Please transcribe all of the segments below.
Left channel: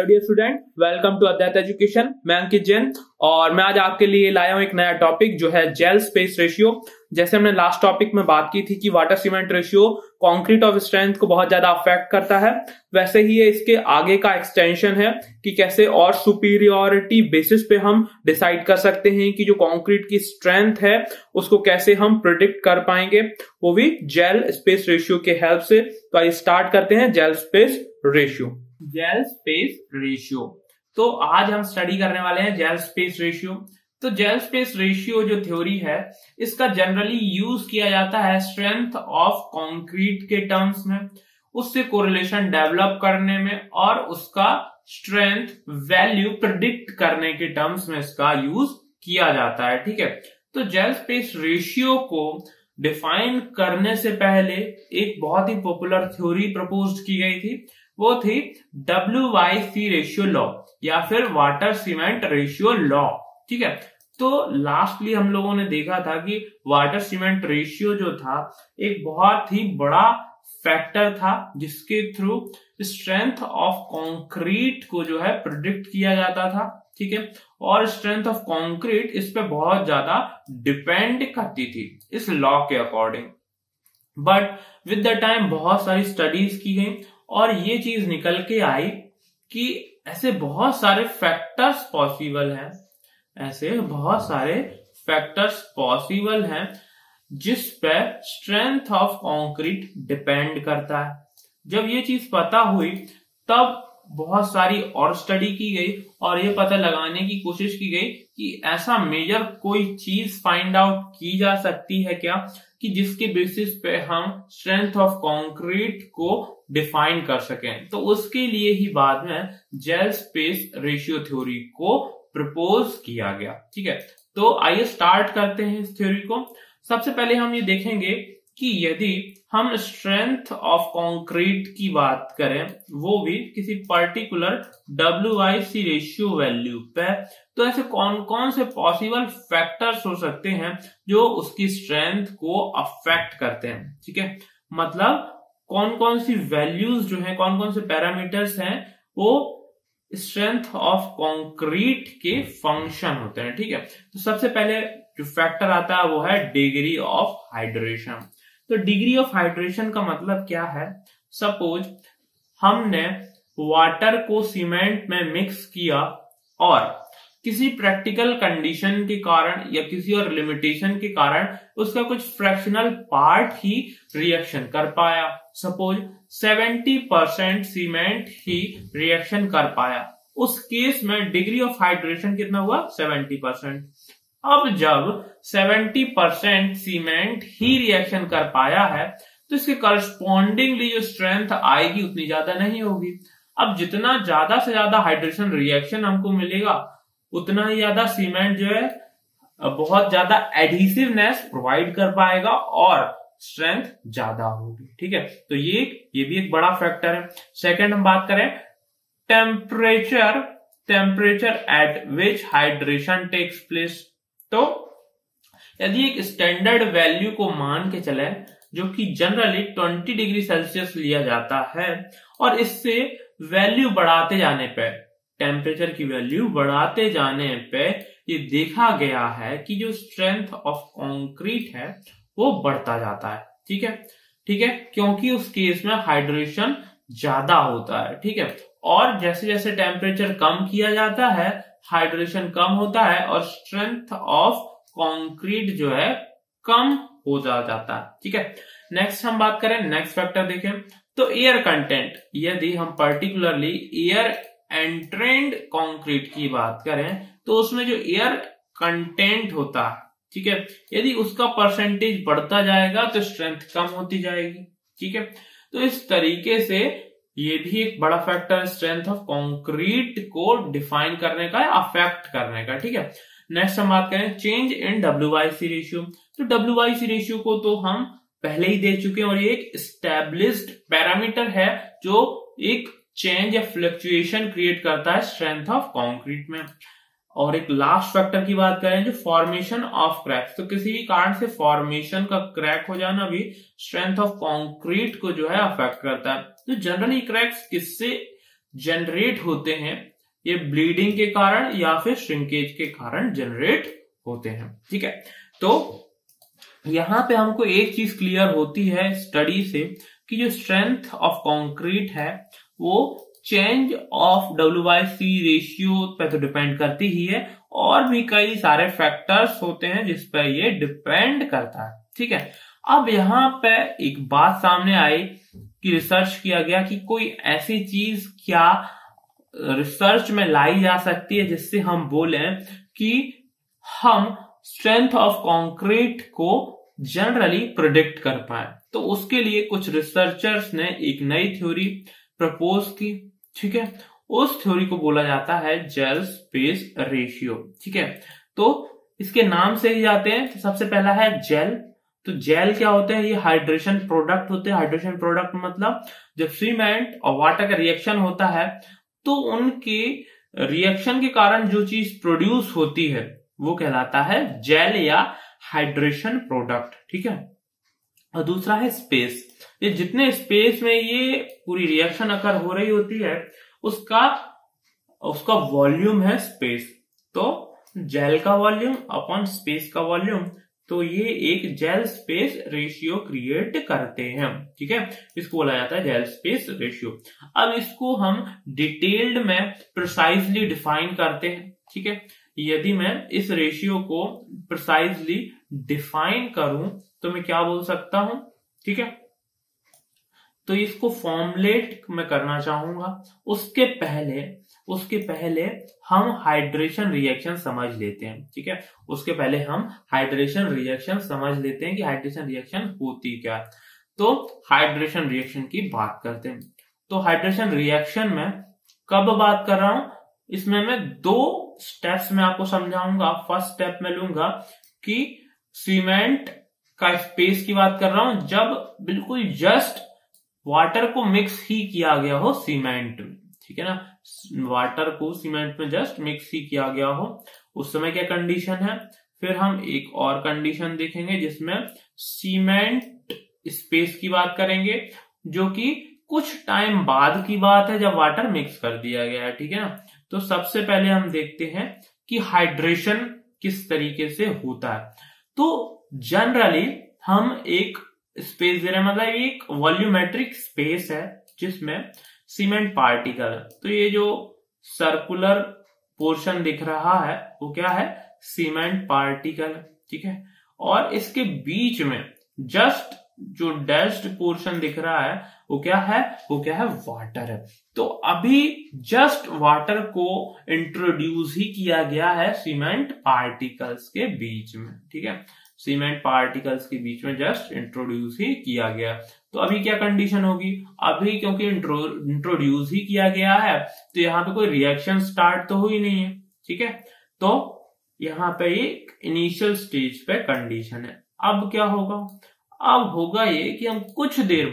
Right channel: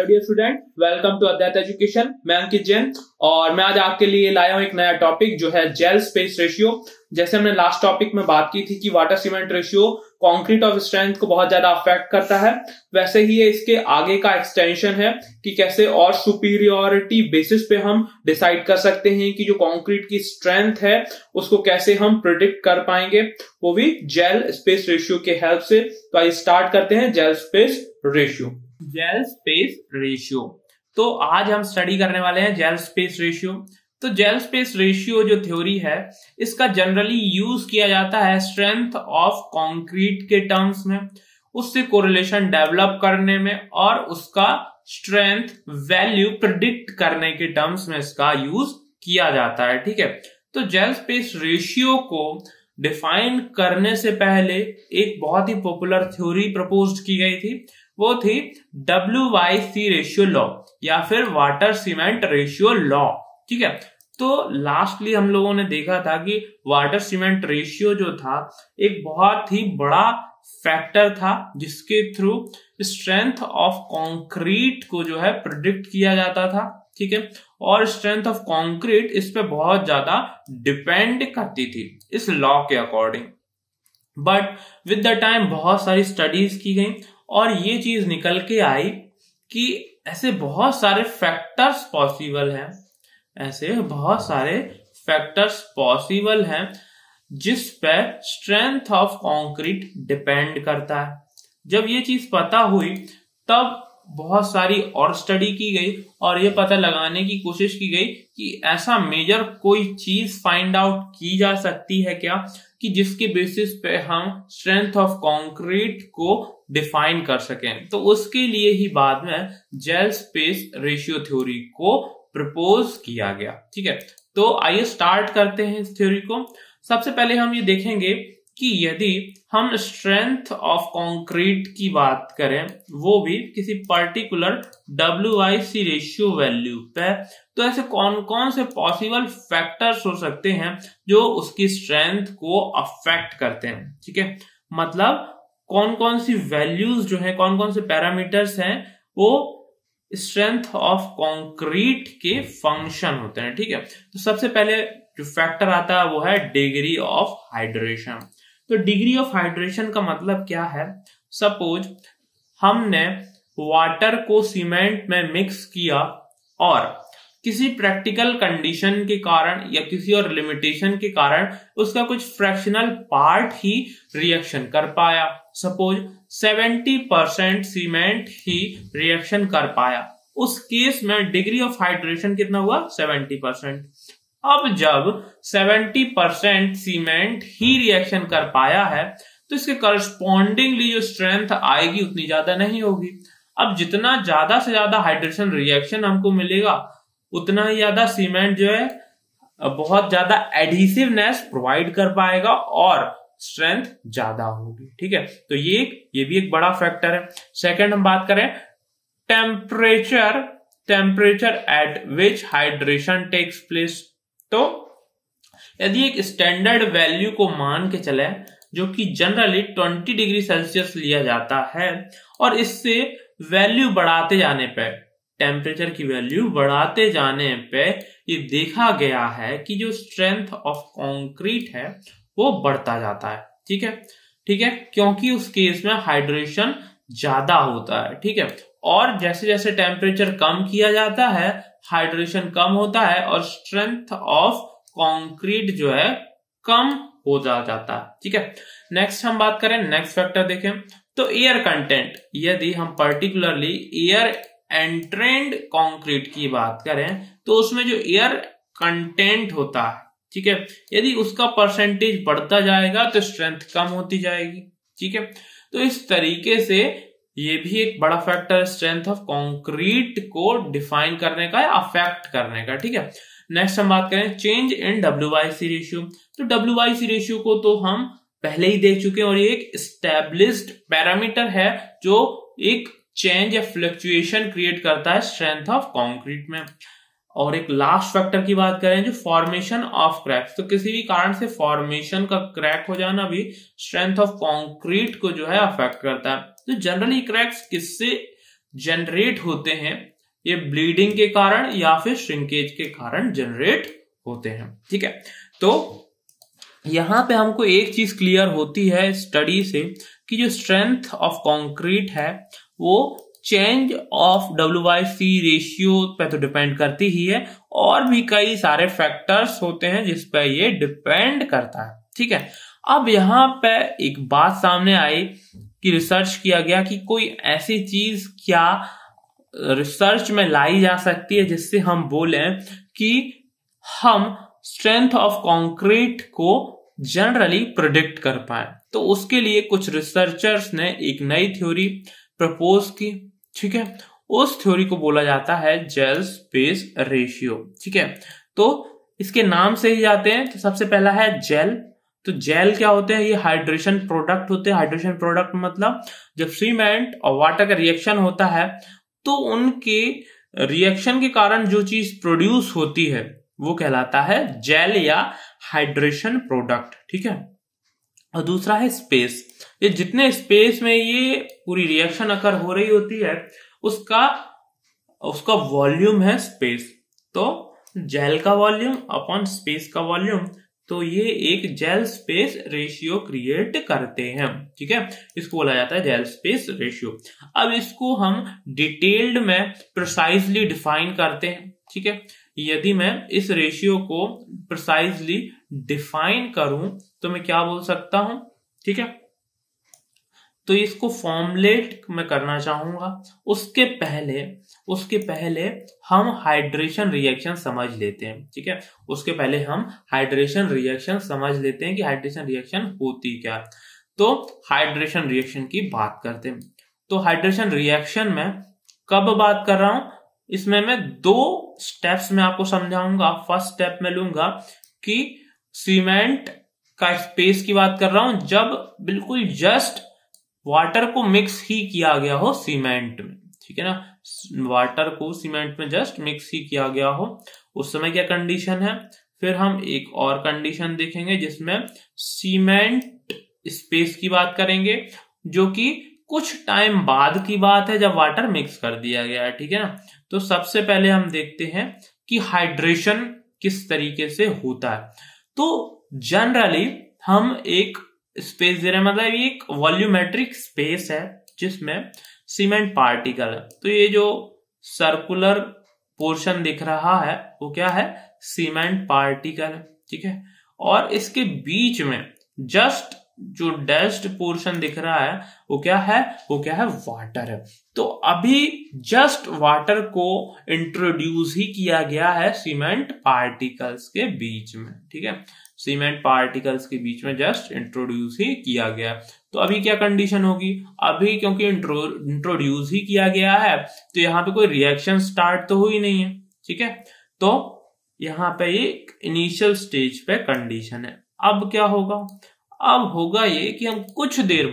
Hello dear student, welcome to Advait education. मैं अंकित जैन और मैं आज आपके लिए लाया हूं एक नया टॉपिक जो है जेल स्पेस रेशियो। जैसे हमने लास्ट टॉपिक में बात की थी कि water cement ratio concrete of strength को बहुत ज्यादा अफेक्ट करता है, वैसे ही ये इसके आगे का एक्सटेंशन है कि कैसे और सुपीरियोरिटी बेसिस पे हम डिसाइड कर सकते हैं कि जो कंक्रीट की स्ट्रेंथ है उसको कैसे हम प्रिडिक्ट कर पाएंगे, वो भी जेल स्पेस रेशियो के हेल्प से। तो आइए स्टार्ट करते हैं gel space ratio. Gel space ratio, तो आज हम स्टडी करने वाले हैं जेल स्पेस रेशियो। तो जेल स्पेस रेशियो जो थ्योरी है इसका जनरली यूज किया जाता है स्ट्रेंथ ऑफ कंक्रीट के टर्म्स में, उससे कोरिलेशन डेवलप करने में और उसका स्ट्रेंथ वैल्यू प्रिडिक्ट करने के टर्म्स में इसका यूज किया जाता है। ठीक है, तो जेल स्पेस रेशियो को डिफाइन करने से पहले एक बहुत ही पॉपुलर थ्योरी प्रपोज्ड की गई थी, वो थी WYC रेशियो लॉ या फिर वाटर सीमेंट रेशियो लॉ। ठीक है, तो लास्टली हम लोगों ने देखा था कि वाटर सीमेंट रेशियो जो था एक बहुत ही बड़ा फैक्टर था जिसके थ्रू स्ट्रेंथ ऑफ कंक्रीट को जो है प्रिडिक्ट किया जाता था। ठीक है, और स्ट्रेंथ ऑफ कंक्रीट इस पे बहुत ज्यादा डिपेंड करती थी इस लॉ के according. But with the time बहुत सारी स्टडीज की गई और ये चीज निकल के आई कि ऐसे बहुत सारे फैक्टर्स पॉसिबल हैं, ऐसे बहुत सारे फैक्टर्स पॉसिबल हैं जिस पे स्ट्रेंथ ऑफ कंक्रीट डिपेंड करता है। जब ये चीज पता हुई तब बहुत सारी और स्टडी की गई और ये पता लगाने की कोशिश की गई कि ऐसा मेजर कोई चीज फाइंड आउट की जा सकती है क्या कि जिसके बेसिस पे हम स्ट्रेंथ ऑफ कंक्रीट को डिफाइन कर सकें। तो उसके लिए ही बाद में जेल स्पेस रेशियो थ्योरी को प्रपोज किया गया। ठीक है, तो आइए स्टार्ट करते हैं इस थ्योरी को। सबसे पहले हम ये देखेंगे कि यदि हम स्ट्रेंथ ऑफ कंक्रीट की बात करें वो भी किसी पर्टिकुलर WYC रेशियो वैल्यू पे, तो ऐसे कौन कौन से पॉसिबल फैक्टर्स हो सकते हैं जो उसकी स्ट्रेंथ को अफेक्ट करते हैं। ठीक है, मतलब कौन कौन सी वैल्यूज जो है, कौन कौन से पैरामीटर्स हैं वो स्ट्रेंथ ऑफ कंक्रीट के फंक्शन होते हैं। ठीक है, तो सबसे पहले जो फैक्टर आता है वो है डिग्री ऑफ हाइड्रेशन। तो डिग्री ऑफ हाइड्रेशन का मतलब क्या है? सपोज हमने वाटर को सीमेंट में मिक्स किया और किसी प्रैक्टिकल कंडीशन के कारण या किसी और लिमिटेशन के कारण उसका कुछ फ्रैक्शनल पार्ट ही रिएक्शन कर पाया। सपोज 70% सीमेंट ही रिएक्शन कर पाया, उस केस में डिग्री ऑफ हाइड्रेशन कितना हुआ? 70%। अब जब 70% सीमेंट ही रिएक्शन कर पाया है तो इसके करस्पॉन्डिंगली जो स्ट्रेंथ आएगी उतनी ज्यादा नहीं होगी। अब जितना ज्यादा से ज्यादा हाइड्रेशन रिएक्शन हमको मिलेगा उतना ही ज्यादा सीमेंट जो है बहुत ज्यादा एडहेसिवनेस प्रोवाइड कर पाएगा और स्ट्रेंथ ज्यादा होगी। ठीक है, तो ये भी एक बड़ा फैक्टर है। सेकंड हम बात करें temperature at which hydration takes place. तो यदि एक स्टैंडर्ड वैल्यू को मान के चले जो कि जनरली 20 डिग्री सेल्सियस लिया जाता है और इससे वैल्यू बढ़ाते जाने पे, टेम्परेचर की वैल्यू बढ़ाते जाने पे ये देखा गया है कि जो स्ट्रेंथ ऑफ कंक्रीट है वो बढ़ता जाता है। ठीक है, क्योंकि उस केस में हाइड्रेशन ज्यादा होता है। ठीक है, और जैसे जैसे टेम्परेचर कम किया जाता है हाइड्रेशन कम होता है और स्ट्रेंथ ऑफ कंक्रीट जो है कम हो जाता है। ठीक है, नेक्स्ट हम बात करें, नेक्स्ट फैक्टर देखें तो एयर कंटेंट। यदि हम पर्टिकुलरली एयर एंट्रेंड कंक्रीट की बात करें तो उसमें जो एयर कंटेंट होता है, ठीक है, यदि उसका परसेंटेज बढ़ता जाएगा तो स्ट्रेंथ कम होती जाएगी। ठीक है, तो इस तरीके से ये भी एक बड़ा फैक्टर है स्ट्रेंथ ऑफ कंक्रीट को डिफाइन करने का, अफेक्ट करने का। ठीक है, नेक्स्ट हम बात करें चेंज इन WYC रेशियो। तो WYC रेशियो को तो हम पहले ही देख चुके हैं और ये एक एस्टैब्लिश्ड पैरामीटर है जो एक चेंज या फ्लक्चुएशन क्रिएट करता है स्ट्रेंथ ऑफ कंक्रीट में। और एक लास्ट फैक्टर की बात करें जो फॉर्मेशन ऑफ क्रैक्स, तो किसी भी कारण से फॉर्मेशन का क्रैक हो जाना भी स्ट्रेंथ ऑफ कंक्रीट को जो है अफेक्ट करता है। तो जनरली क्रैक्स किससे जनरेट होते हैं, ये ब्लीडिंग के कारण या फिर श्रिंकेज के कारण जनरेट होते हैं। ठीक है, तो यहां पे हमको एक चीज क्लियर होती है स्टडी से कि जो स्ट्रेंथ ऑफ कंक्रीट है वो चेंज ऑफ WYC रेशियो पे तो डिपेंड करती ही है, और भी कई सारे फैक्टर्स होते हैं जिस पे ये डिपेंड करता है। ठीक है, अब यहाँ पे एक बात सामने आई कि रिसर्च किया गया कि कोई ऐसी चीज क्या रिसर्च में लाई जा सकती है जिससे हम बोलें कि हम स्ट्रेंथ ऑफ कंक्रीट को जनरली प्रिडिक्ट कर पाए। तो उसके लिए कुछ रिसर्चर्स ने एक नई थ्योरी प्रपोज की। ठीक है, उस थ्योरी को बोला जाता है जेल स्पेस रेशियो। ठीक है, तो इसके नाम से ही आते हैं। तो सबसे पहला है जेल। तो जेल क्या होते हैं? ये हाइड्रेशन प्रोडक्ट होते हैं। हाइड्रेशन प्रोडक्ट मतलब जब सीमेंट और वाटर का रिएक्शन होता है तो उनके रिएक्शन के कारण जो चीज प्रोड्यूस होती है वो कहलाता है जेल या हाइड्रेशन प्रोडक्ट। ठीक है, और दूसरा है स्पेस। ये जितने स्पेस में ये पूरी रिएक्शन अकर हो रही होती है उसका वॉल्यूम है स्पेस। तो जेल का वॉल्यूम अपॉन स्पेस का वॉल्यूम, तो ये एक जेल स्पेस रेशियो क्रिएट करते हैं। ठीक है, इसको बोला जाता है जेल स्पेस रेशियो। अब इसको हम डिटेल्ड में प्रिसाइजली डिफाइन करते हैं। ठीक है, यदि मैं इस रेशियो को प्रिसाइजली डिफाइन करूं तो मैं क्या बोल सकता हूं? ठीक है, तो इसको फॉर्मुलेट मैं करना चाहूंगा। उसके पहले हम हाइड्रेशन रिएक्शन समझ लेते हैं। ठीक है, उसके पहले हम हाइड्रेशन रिएक्शन समझ लेते हैं कि हाइड्रेशन रिएक्शन होती क्या। तो हाइड्रेशन रिएक्शन की बात करते हैं। तो हाइड्रेशन रिएक्शन में कब बात कर रहा हूं? इसमें मैं 2 स्टेप्स में आपको समझाऊंगा। फर्स्ट स्टेप में लूंगा कि सीमेंट का स्पेस की बात कर रहा हूं जब बिल्कुल जस्ट वाटर को मिक्स ही किया गया हो सीमेंट में। ठीक है ना, वाटर को सीमेंट में जस्ट मिक्स ही किया गया हो, उस समय क्या कंडीशन है। फिर हम एक और कंडीशन देखेंगे जिसमें सीमेंट स्पेस की बात करेंगे, जो कि कुछ टाइम बाद की बात है जब वाटर मिक्स कर दिया गया है। ठीक है ना, तो सबसे पहले हम देखते हैं कि हाइड्रेशन किस तरीके से होता है। तो जनरली हम एक स्पेस दे रहे हैं, मतलब एक वॉल्यूमेट्रिक स्पेस है जिसमें सीमेंट पार्टिकल है। तो ये जो सर्कुलर पोर्शन दिख रहा है वो क्या है? सीमेंट पार्टिकल है। ठीक है, और इसके बीच में जस्ट जो डैश्ड पोर्शन दिख रहा है वो क्या है? वाटर है। तो अभी जस्ट वाटर को इंट्रोड्यूस ही किया गया है सीमेंट पार्टिकल्स के बीच में। ठीक है, सीमेंट पार्टिकल्स के बीच में जस्ट इंट्रोड्यूस ही किया गया। तो अभी क्या कंडीशन होगी? अभी क्योंकि इंट्रोड्यूस ही किया गया है तो यहाँ पे कोई रिएक्शन स्टार्ट तो हुई नहीं है। ठीक है, तो यहाँ पे ये इनिशियल स्टेज पे कंडीशन है। अब क्या होगा? अब होगा ये कि हम कुछ देर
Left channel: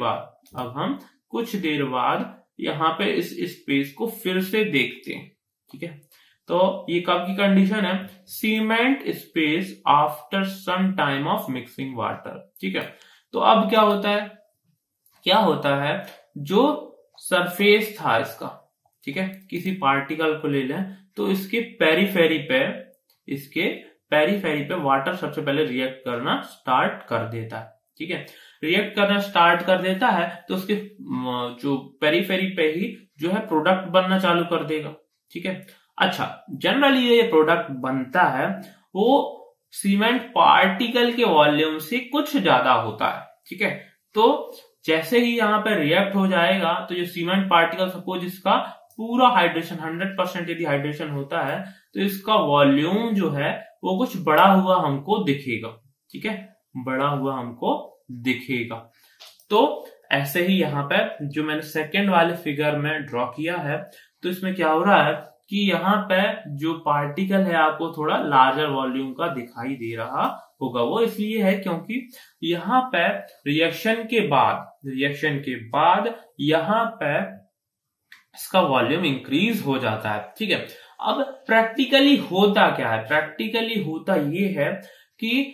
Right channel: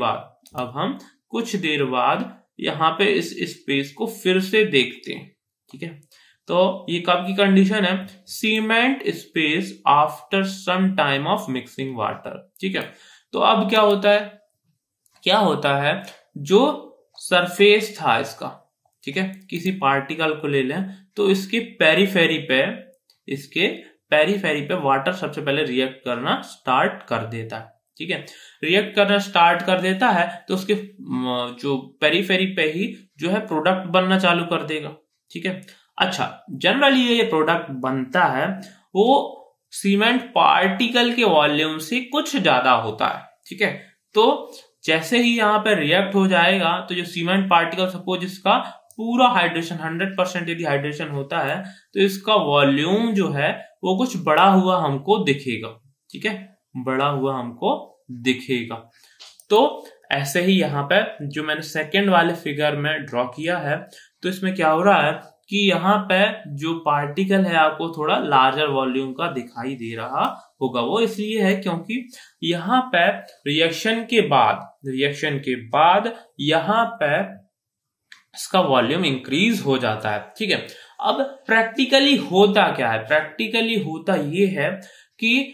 बाद यहाँ पे इस स्पेस को फिर से देखते हैं। ठीक है, तो ये कब की कंडीशन है? Cement space after some time of mixing water. ठीक है, तो अब क्या होता है जो सरफेस था इसका, ठीक है, किसी पार्टिकल को ले लें तो इसके पेरीफेरी पे वाटर सबसे पहले रिएक्ट करना स्टार्ट कर देता है। ठीक है, रिएक्ट करना स्टार्ट कर देता है तो उसके जो पेरीफेरी पे ही जो है प्रोडक्ट बनना चालू कर देगा। ठीक है, अच्छा, जनरली ये प्रोडक्ट बनता है वो सीमेंट पार्टिकल के वॉल्यूम से कुछ ज्यादा होता है। ठीक है, तो जैसे ही यहाँ पे रिएक्ट हो जाएगा तो जो सीमेंट पार्टिकल, सपोज इसका पूरा हाइड्रेशन 100% यदि हाइड्रेशन होता है तो इसका वॉल्यूम जो है वो कुछ बड़ा हुआ हमको दिखेगा। ठीक है, बड़ा हुआ हमको दिखेगा। तो ऐसे ही यहाँ पे जो मैंने सेकेंड वाले फिगर में ड्रॉ किया है, तो इसमें क्या हो रहा है कि यहाँ पे जो पार्टिकल है आपको थोड़ा लार्जर वॉल्यूम का दिखाई दे रहा होगा। वो इसलिए है क्योंकि यहाँ पे रिएक्शन के बाद यहाँ पे इसका वॉल्यूम इंक्रीज हो जाता है। ठीक है, अब प्रैक्टिकली होता क्या है? प्रैक्टिकली होता ये है कि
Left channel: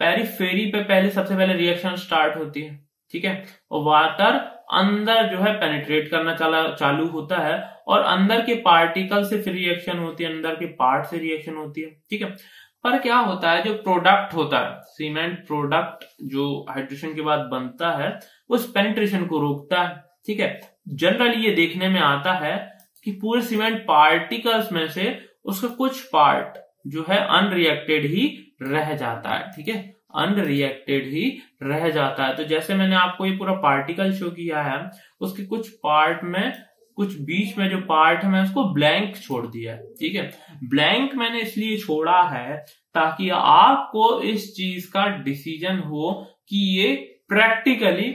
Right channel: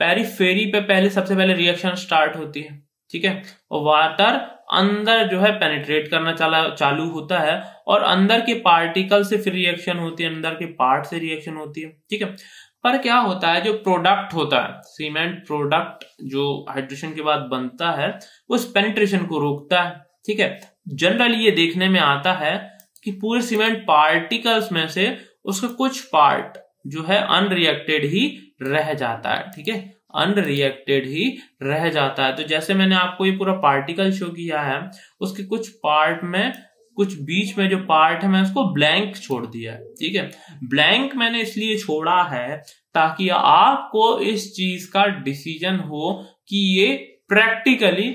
पेरीफेरी पे सबसे पहले रिएक्शन स्टार्ट होती है। ठीक है, और वाटर अंदर जो है पेनिट्रेट करना चालू होता है और अंदर के पार्टिकल से फिर रिएक्शन होती है, अंदर के पार्ट से रिएक्शन होती है, ठीक है। पर क्या होता है, जो प्रोडक्ट होता है सीमेंट प्रोडक्ट जो हाइड्रेशन के बाद बनता है उस पेनिट्रेशन को रोकता है, ठीक है। जनरली ये देखने में आता है कि पूरे सीमेंट पार्टिकल्स में से उसका कुछ पार्ट जो है अनरिएक्टेड ही रह जाता है, ठीक है, अनरिएक्टेड ही रह जाता है। तो जैसे मैंने आपको ये पूरा पार्टिकल शो किया है, उसके कुछ पार्ट में, कुछ बीच में जो पार्ट है मैं उसको ब्लैंक छोड़ दिया है, ठीक है। ब्लैंक मैंने इसलिए छोड़ा है ताकि आपको इस चीज का डिसीजन हो कि ये प्रैक्टिकली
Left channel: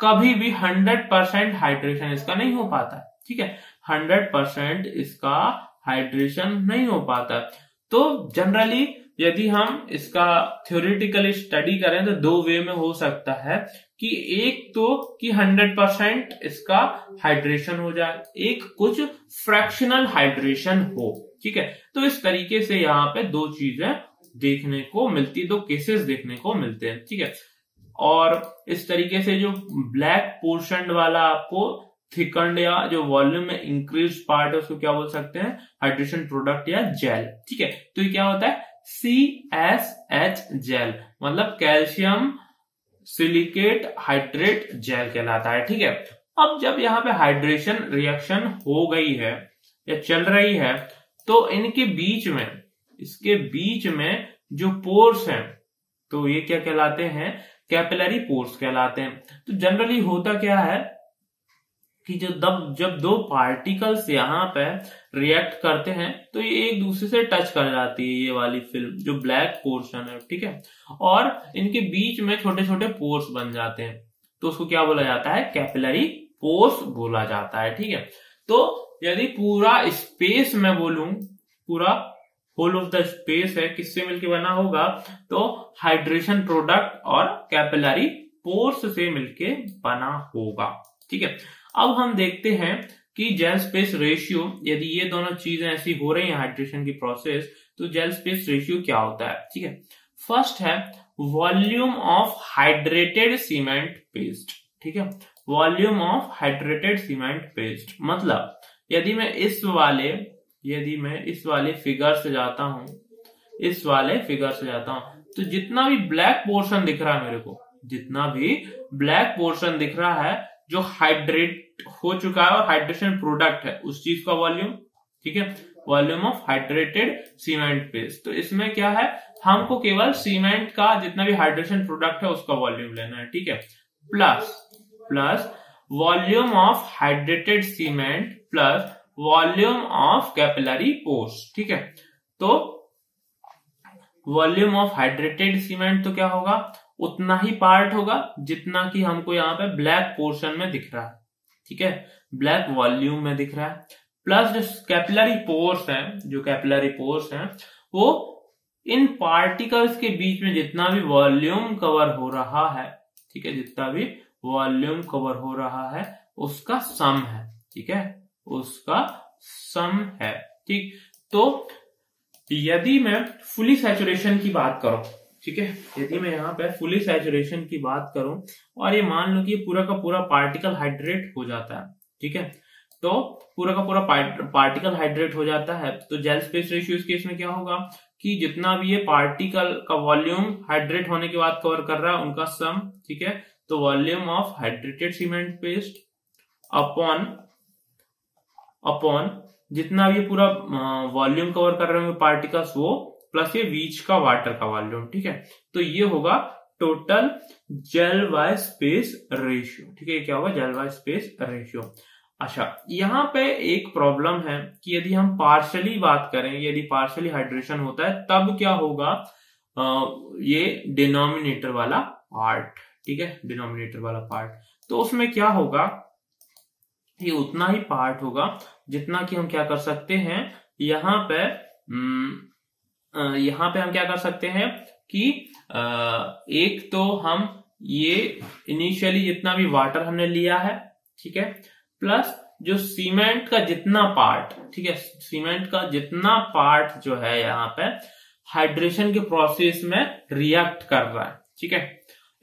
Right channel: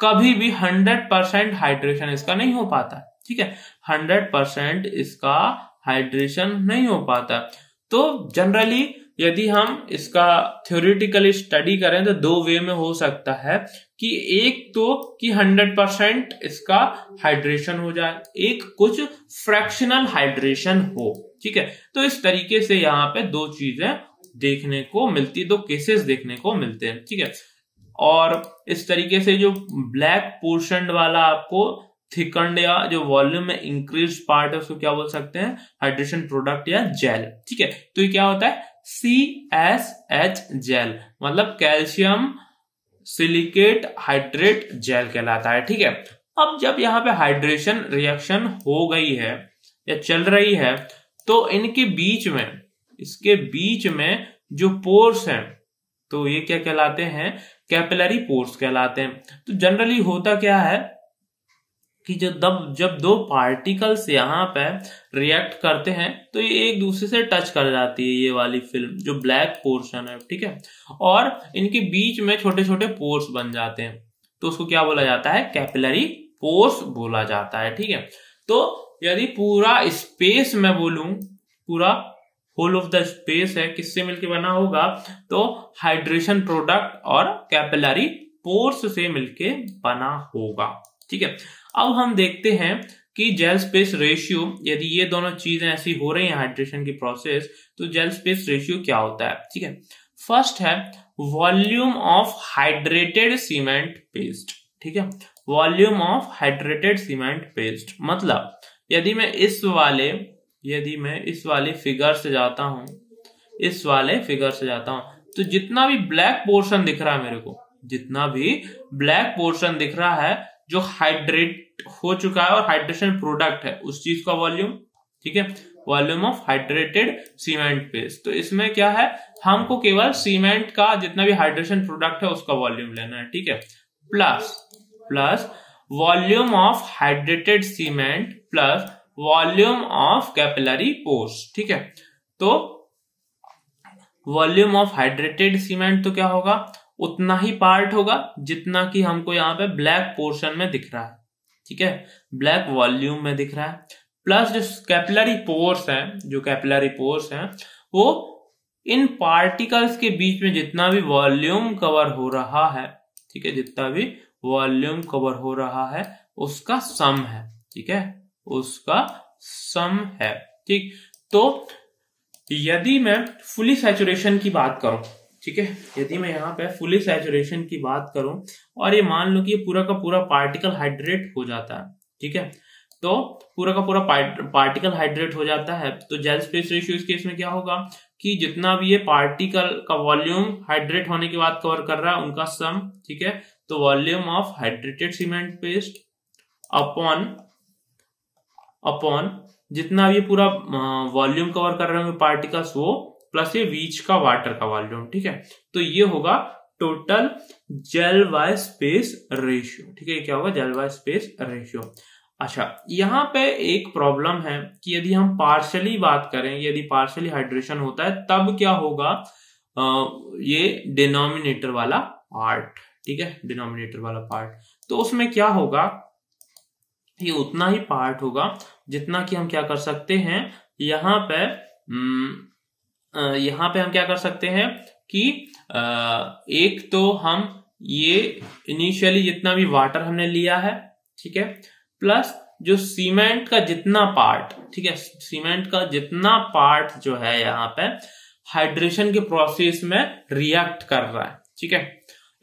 कभी भी 100% हाइड्रेशन इसका नहीं हो पाता, ठीक है, 100% इसका हाइड्रेशन नहीं हो पाता। तो जनरली यदि हम इसका थ्योरेटिकली स्टडी करें तो दो वे में हो सकता है कि एक तो कि 100% इसका हाइड्रेशन हो जाए, एक कुछ फ्रैक्शनल हाइड्रेशन हो, ठीक है। तो इस तरीके से यहाँ पे दो चीजें देखने को मिलती, दो केसेस देखने को मिलते हैं, ठीक है। और इस तरीके से जो ब्लैक पोर्शन वाला आपको थिकंड या जो वॉल्यूम में इंक्रीज पार्ट है उसको क्या बोल सकते हैं, हाइड्रेशन प्रोडक्ट या जेल, ठीक है। तो ये क्या होता है, CSH जेल, मतलब कैल्शियम सिलिकेट हाइड्रेट जेल कहलाता है, ठीक है। अब जब यहाँ पे हाइड्रेशन रिएक्शन हो गई है या चल रही है तो इनके बीच में, इसके बीच में जो पोर्स हैं तो ये क्या कहलाते हैं, कैपिलरी पोर्स कहलाते हैं। तो जनरली होता क्या है कि जब दो पार्टिकल्स यहाँ पे रिएक्ट करते हैं तो ये एक दूसरे से टच कर जाती है, ये वाली फिल्म जो ब्लैक पोर्शन है, ठीक है, और इनके बीच में छोटे छोटे पोर्स बन जाते हैं, तो उसको क्या बोला जाता है, कैपिलरी पोर्स बोला जाता है, ठीक है। तो यदि पूरा स्पेस मैं बोलूं, पूरा होल ऑफ द स्पेस है किससे मिलकर बना होगा, तो हाइड्रेशन प्रोडक्ट और कैपिलरी पोर्स से मिलके बना होगा, ठीक है। अब हम देखते हैं कि जेल स्पेस रेशियो, यदि ये दोनों चीजें ऐसी हो रही हैं हाइड्रेशन की प्रोसेस, तो जेल स्पेस रेशियो क्या होता है, ठीक है। फर्स्ट है volume of hydrated cement paste, ठीक है, volume of hydrated cement paste, मतलब यदि मैं इस वाले फिगर से जाता हूं, इस वाले फिगर से जाता हूं, तो जितना भी ब्लैक पोर्शन दिख रहा है मेरे को, जितना भी ब्लैक पोर्शन दिख रहा है जो हाइड्रेट हो चुका है और हाइड्रेशन प्रोडक्ट है उस चीज का वॉल्यूम, ठीक है, volume of hydrated cement paste. तो इसमें क्या है, हमको केवल सीमेंट का जितना भी हाइड्रेशन प्रोडक्ट है उसका वॉल्यूम लेना है, ठीक है, plus volume of hydrated cement plus volume of capillary pores, ठीक है। तो वॉल्यूम ऑफ हाइड्रेटेड सीमेंट तो क्या होगा, उतना ही पार्ट होगा जितना कि हमको यहाँ पे ब्लैक पोर्शन में दिख रहा है, ठीक है, ब्लैक वॉल्यूम में दिख रहा है, प्लस जो कैपिलरी पोर्स हैं, जो कैपिलरी पोर्स हैं वो इन पार्टिकल्स के बीच में जितना भी वॉल्यूम कवर हो रहा है, ठीक है, जितना भी वॉल्यूम कवर हो रहा है उसका सम है, ठीक है, उसका सम है, ठीक। तो यदि मैं फुली सैचुरेशन की बात करूं, ठीक है, यदि मैं यहाँ पे फुली सैचुरेशन की बात करूं और ये मान लो कि ये पूरा का पूरा पार्टिकल हाइड्रेट हो जाता है, ठीक है, तो पूरा का पूरा पार्टिकल हाइड्रेट हो जाता है, तो जेल स्पेस रेशियो इस केस में क्या होगा कि जितना भी ये पार्टिकल का वॉल्यूम हाइड्रेट होने के बाद कवर कर रहा है उनका सम, ठीक है, तो volume of hydrated cement paste upon जितना भी पूरा वॉल्यूम कवर कर रहे होंगे पार्टिकल्स वो प्लस ये बीच का वाटर का वॉल्यूम, ठीक है, तो ये होगा total gel by space ratio, ठीक है, क्या होगा, जेल बाय स्पेस रेशियो। अच्छा, यहाँ पे एक प्रॉब्लम है कि यदि हम पार्शियली बात करें, यदि पार्शियली हाइड्रेशन होता है तब क्या होगा, ये डिनोमिनेटर वाला पार्ट, ठीक है, डिनोमिनेटर वाला पार्ट, तो उसमें क्या होगा, ये उतना ही पार्ट होगा जितना कि हम क्या कर सकते हैं, यहाँ पे हम क्या कर सकते हैं कि एक तो हम ये इनिशियली जितना भी वाटर हमने लिया है, ठीक है, प्लस जो सीमेंट का जितना पार्ट, ठीक है, सीमेंट का जितना पार्ट जो है यहाँ पे हाइड्रेशन के प्रोसेस में रिएक्ट कर रहा है, ठीक है,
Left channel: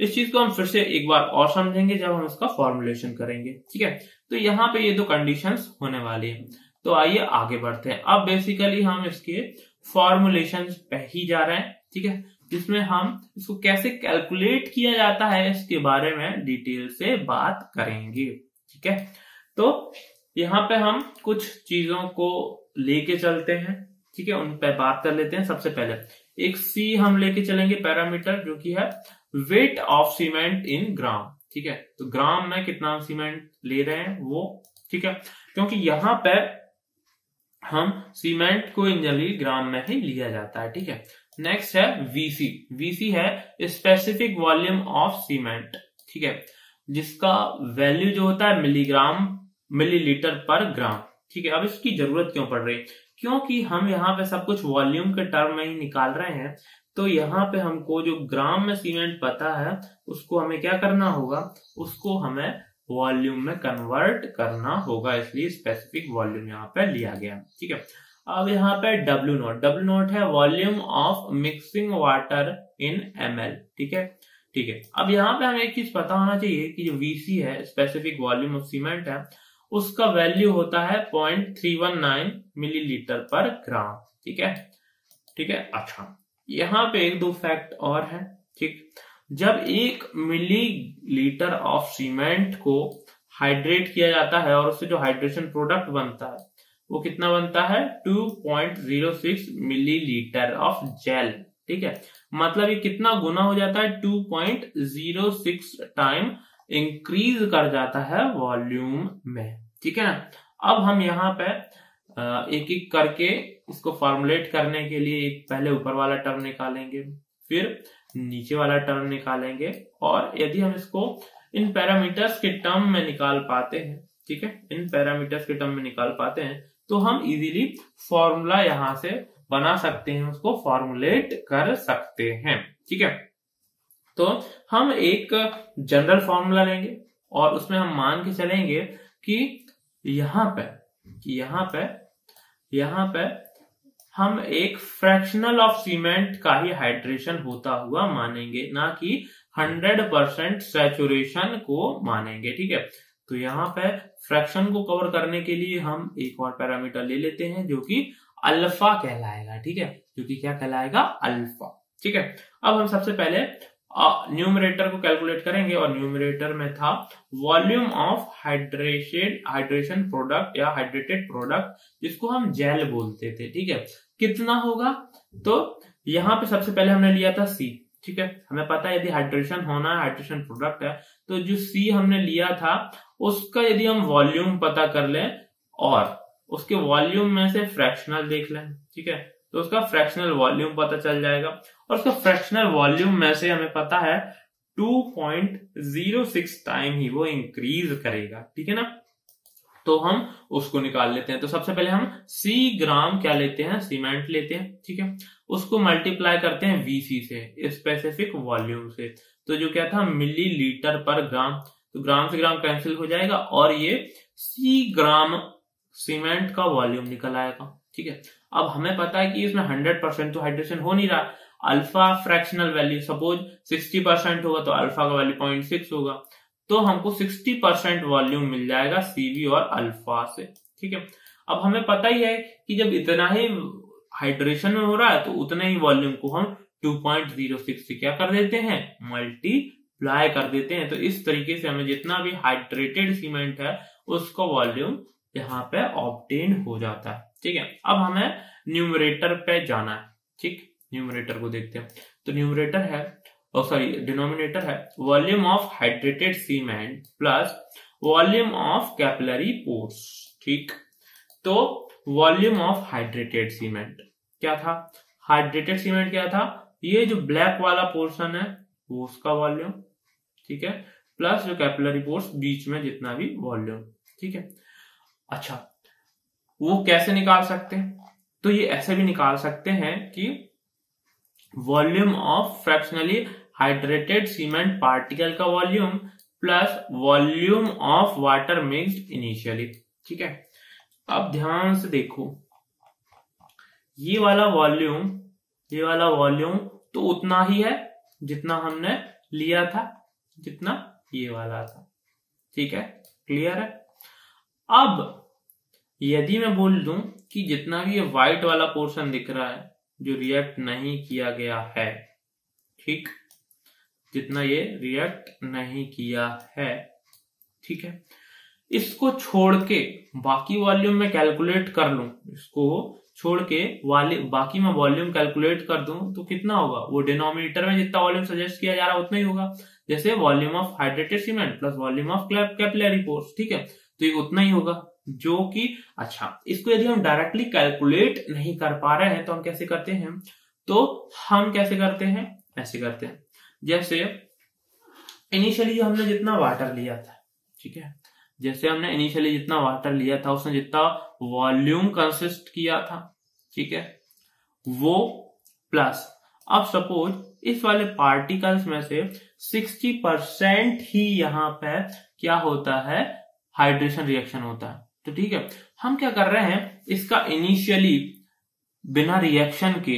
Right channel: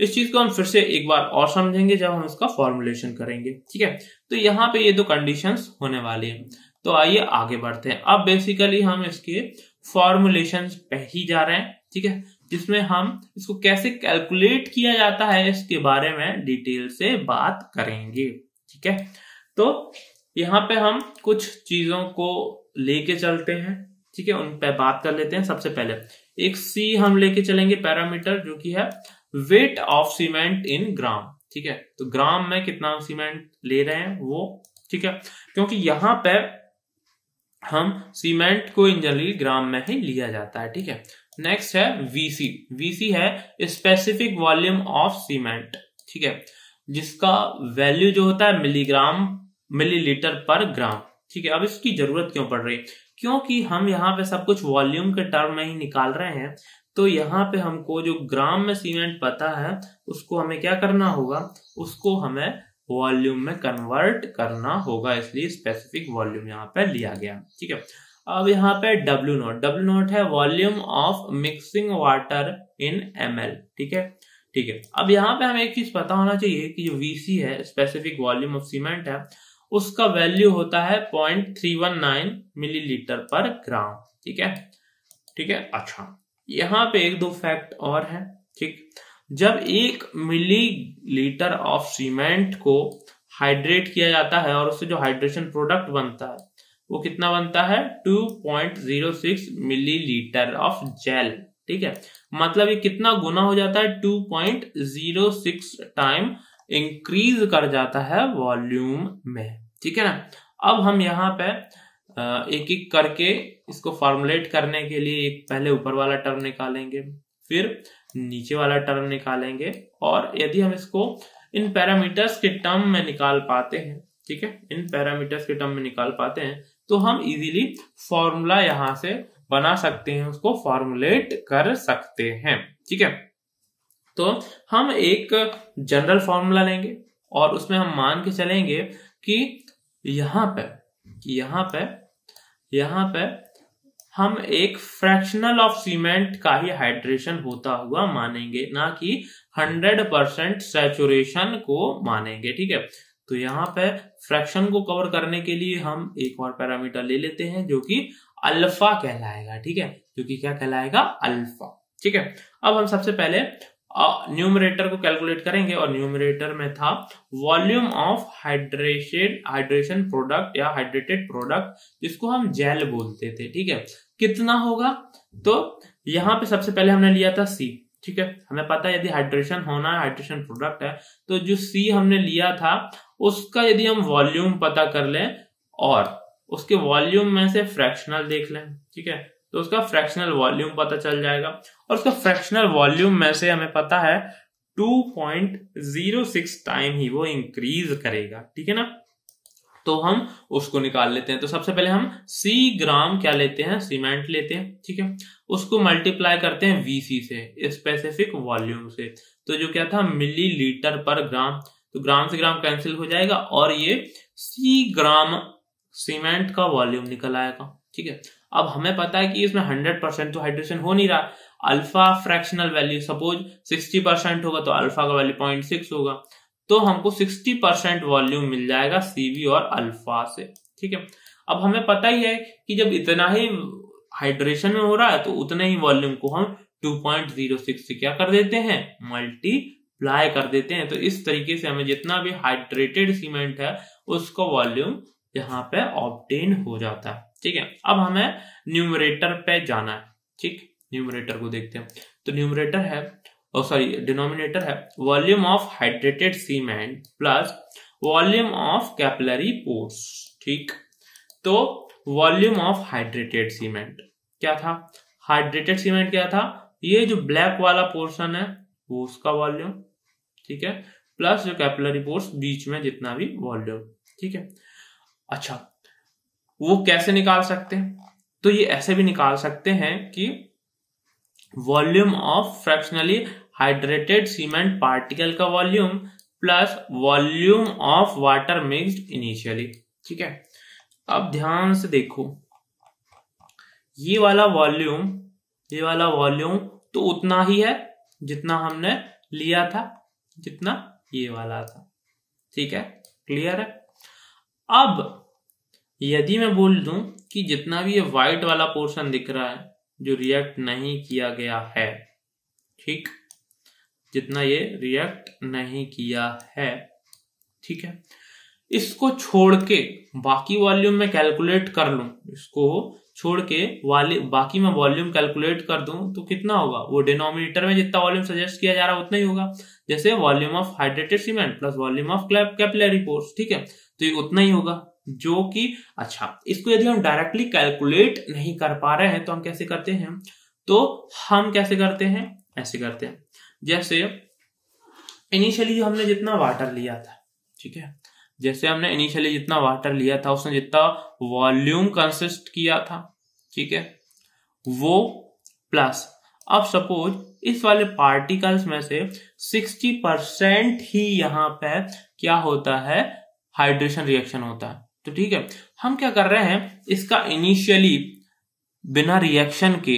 इस चीज को हम फिर से एक बार और समझेंगे जब हम उसका फॉर्मुलेशन करेंगे, ठीक है। तो यहाँ पे ये दो कंडीशंस होने वाली है। तो आइए आगे बढ़ते हैं। अब बेसिकली हम इसके फॉर्मुलेशन पे ही जा रहे हैं, ठीक है, जिसमें हम इसको कैसे कैलकुलेट किया जाता है इसके बारे में डिटेल से बात करेंगे, ठीक है। तो यहाँ पे हम कुछ चीजों को लेके चलते हैं, ठीक है, उन पे बात कर लेते हैं। सबसे पहले एक सी हम लेके चलेंगे पैरामीटर, जो कि है वेट ऑफ सीमेंट इन ग्राम, ठीक है। तो ग्राम में कितना सीमेंट ले रहे हैं वो, ठीक है, क्योंकि यहाँ पे हम सीमेंट को जनरली ग्राम में ही लिया जाता है, ठीक है। नेक्स्ट है वीसी। वीसी है स्पेसिफिक वॉल्यूम ऑफ सीमेंट, ठीक है, जिसका वैल्यू जो होता है मिलीग्राम मिलीलीटर पर ग्राम, ठीक है। अब इसकी जरूरत क्यों पड़ रही है? क्योंकि हम यहाँ पे सब कुछ वॉल्यूम के टर्म में ही निकाल रहे हैं। तो यहाँ पे हमको जो ग्राम में सीमेंट पता है उसको हमें क्या करना होगा, उसको हमें वॉल्यूम में कन्वर्ट करना होगा, इसलिए स्पेसिफिक वॉल्यूम यहाँ पे लिया गया, ठीक है। अब यहाँ पे डब्ल्यू नोट है volume of mixing water in ml, ठीक है, ठीक है। अब यहाँ पे हमें एक चीज पता होना चाहिए कि जो VC है स्पेसिफिक वॉल्यूम ऑफ सीमेंट है, उसका वैल्यू होता है 0.319 मिलीलीटर पर ग्राम, ठीक है, ठीक है। अच्छा, यहाँ पे एक दो फैक्ट और है, ठीक। जब 1 मिलीलीटर ऑफ सीमेंट को हाइड्रेट किया जाता है और उससे जो हाइड्रेशन प्रोडक्ट बनता है वो कितना बनता है, 2.06 मिलीलीटर ऑफ जेल, ठीक है। मतलब ये कितना गुना हो जाता है, 2.06 टाइम इंक्रीज कर जाता है वॉल्यूम में, ठीक है ना। अब हम यहाँ पे एक एक करके इसको फॉर्मुलेट करने के लिए एक पहले ऊपर वाला टर्म निकालेंगे, फिर नीचे वाला टर्म निकालेंगे, और यदि हम इसको इन पैरामीटर्स के टर्म में निकाल पाते हैं, ठीक है, इन पैरामीटर्स के टर्म में निकाल पाते हैं, तो हम इजीली फॉर्मूला यहां से बना सकते हैं, उसको फॉर्मुलेट कर सकते हैं, ठीक है। तो हम एक जनरल फॉर्मूला लेंगे और उसमें हम मान के चलेंगे कि यहाँ पे हम एक फ्रैक्शनल ऑफ सीमेंट का ही हाइड्रेशन होता हुआ मानेंगे, ना कि 100% सैचुरेशन को मानेंगे, ठीक है। तो यहाँ पे फ्रैक्शन को कवर करने के लिए हम एक और पैरामीटर ले लेते हैं जो कि अल्फा कहलाएगा, ठीक है, जो कि क्या कहलाएगा, अल्फा, ठीक है। अब हम सबसे पहले न्यूमरेटर को कैलकुलेट करेंगे, और न्यूमरेटर में था वॉल्यूम ऑफ हाइड्रेशन प्रोडक्ट या हाइड्रेटेड प्रोडक्ट, जिसको हम जेल बोलते थे, ठीक है। कितना होगा, तो यहाँ पे सबसे पहले हमने लिया था सी, ठीक है। हमें पता है यदि हाइड्रेशन होना है, हाइड्रेशन प्रोडक्ट है, तो जो सी हमने लिया था उसका यदि हम वॉल्यूम पता कर लें और उसके वॉल्यूम में से फ्रैक्शनल देख लें, ठीक है, तो उसका फ्रैक्शनल वॉल्यूम पता चल जाएगा, और उसका फ्रैक्शनल वॉल्यूम में से हमें पता है 2.06 टाइम ही वो इंक्रीज करेगा, ठीक है ना। तो हम उसको निकाल लेते हैं। तो सबसे पहले हम सी ग्राम क्या लेते हैं, सीमेंट लेते हैं, ठीक है, उसको मल्टीप्लाई करते हैं वीसी से, स्पेसिफिक वॉल्यूम से। तो जो क्या था, मिलीलीटर पर ग्राम, तो ग्राम से ग्राम कैंसिल हो जाएगा और ये सी ग्राम सीमेंट का वॉल्यूम निकल आएगा, ठीक है। अब हमें पता है कि इसमें 100% तो हाइड्रेशन हो नहीं रहा, अल्फा फ्रैक्शनल वैल्यू सपोज 60% होगा तो अल्फा का वैल्यू 0.6 होगा, तो हमको 60% वॉल्यूम मिल जाएगा सीवी और अल्फा से, ठीक है। अब हमें पता ही है कि जब इतना ही हाइड्रेशन में हो रहा है तो उतने ही वॉल्यूम को हम 2.06 से क्या कर देते हैं, मल्टीप्लाई कर देते हैं। तो इस तरीके से हमें जितना भी हाइड्रेटेड सीमेंट है उसका वॉल्यूम यहाँ पे ऑब्टेन हो जाता है, ठीक है। अब हमें न्यूमरेटर पे जाना है, ठीक, न्यूमरेटर को देखते हैं। तो न्यूमरेटर है, डिनोमिनेटर है volume of hydrated cement plus volume of capillary pores, ठीक। तो वॉल्यूम ऑफ हाइड्रेटेड सीमेंट क्या था, हाइड्रेटेड सीमेंट क्या था, ये जो ब्लैक वाला पोर्शन है वो उसका वॉल्यूम, ठीक है, प्लस जो कैपिलरी पोर्स बीच में जितना भी वॉल्यूम, ठीक है। अच्छा, वो कैसे निकाल सकते हैं, तो ये ऐसे भी निकाल सकते हैं कि volume of fractionally hydrated cement particle का volume plus volume of water mixed initially, ठीक है। अब ध्यान से देखो, ये वाला वॉल्यूम तो उतना ही है जितना हमने लिया था, जितना ये वाला था। ठीक है, क्लियर है। अब यदि मैं बोल दूं कि जितना भी ये व्हाइट वाला पोर्शन दिख रहा है जो रिएक्ट नहीं किया गया है, ठीक, जितना ये रिएक्ट नहीं किया है, ठीक है, इसको छोड़ के बाकी वॉल्यूम में कैलकुलेट कर लूं, इसको छोड़ के बाकी में वॉल्यूम कैलकुलेट कर दूं तो कितना होगा, वो डिनोमिनेटर में जितना वॉल्यूम सजेस्ट किया जा रहा है उतना ही होगा। जैसे volume of hydrated cement plus volume of capillary pores, ठीक है, तो ये उतना ही होगा जो कि, अच्छा, इसको यदि हम डायरेक्टली कैलकुलेट नहीं कर पा रहे हैं तो हम कैसे करते हैं, तो हम कैसे करते हैं, ऐसे करते हैं, जैसे इनिशियली जो हमने जितना वाटर लिया था, ठीक है, जैसे हमने इनिशियली जितना वाटर लिया था उसने जितना वॉल्यूम कंसिस्ट किया था, ठीक है, वो प्लस, अब सपोज इस वाले पार्टिकल्स में से 60% ही यहाँ पे क्या होता है, हाइड्रेशन रिएक्शन होता है। तो ठीक है, हम क्या कर रहे हैं, इसका इनिशियली बिना रिएक्शन के